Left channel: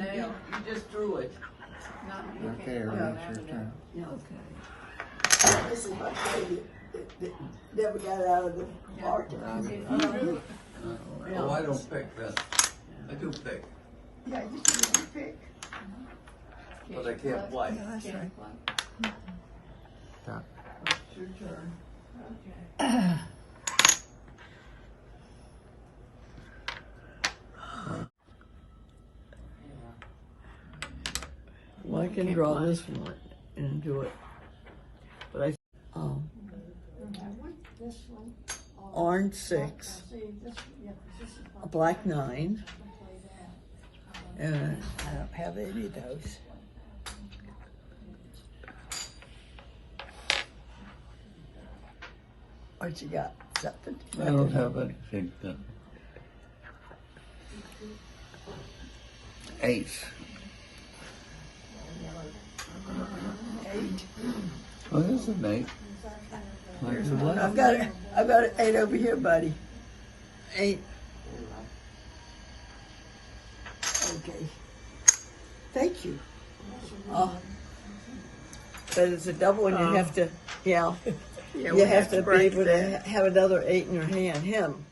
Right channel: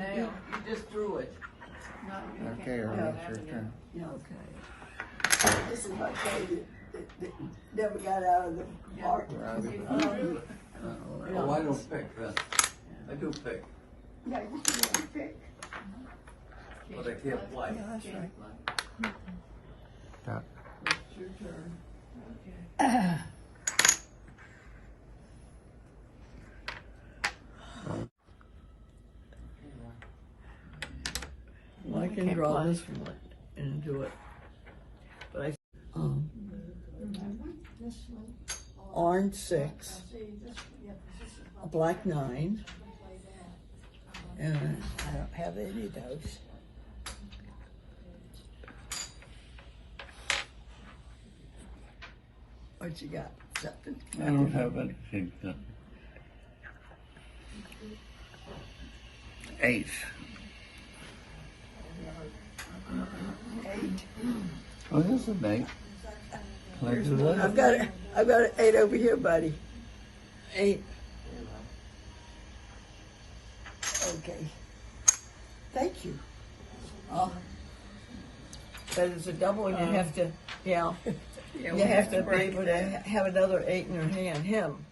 You just threw it. No, Okay, everyone, it's your turn. okay. This is my baby that never got out of the market. Oh, I don't pick, I do pick, Right, you can pick. but I can't play. Yeah, that's right. It's your turn. Well, I can draw this one and do it. But I, orange 6, a black 9, and I don't have any of those. What you got? Something? I don't have anything. 8. 8. What is it, Nate? There's one. I've got an 8 over here, buddy. 8. Okay. Thank you. But it's a double, and you have to, you have to be able to have another 8 in your hand. Him.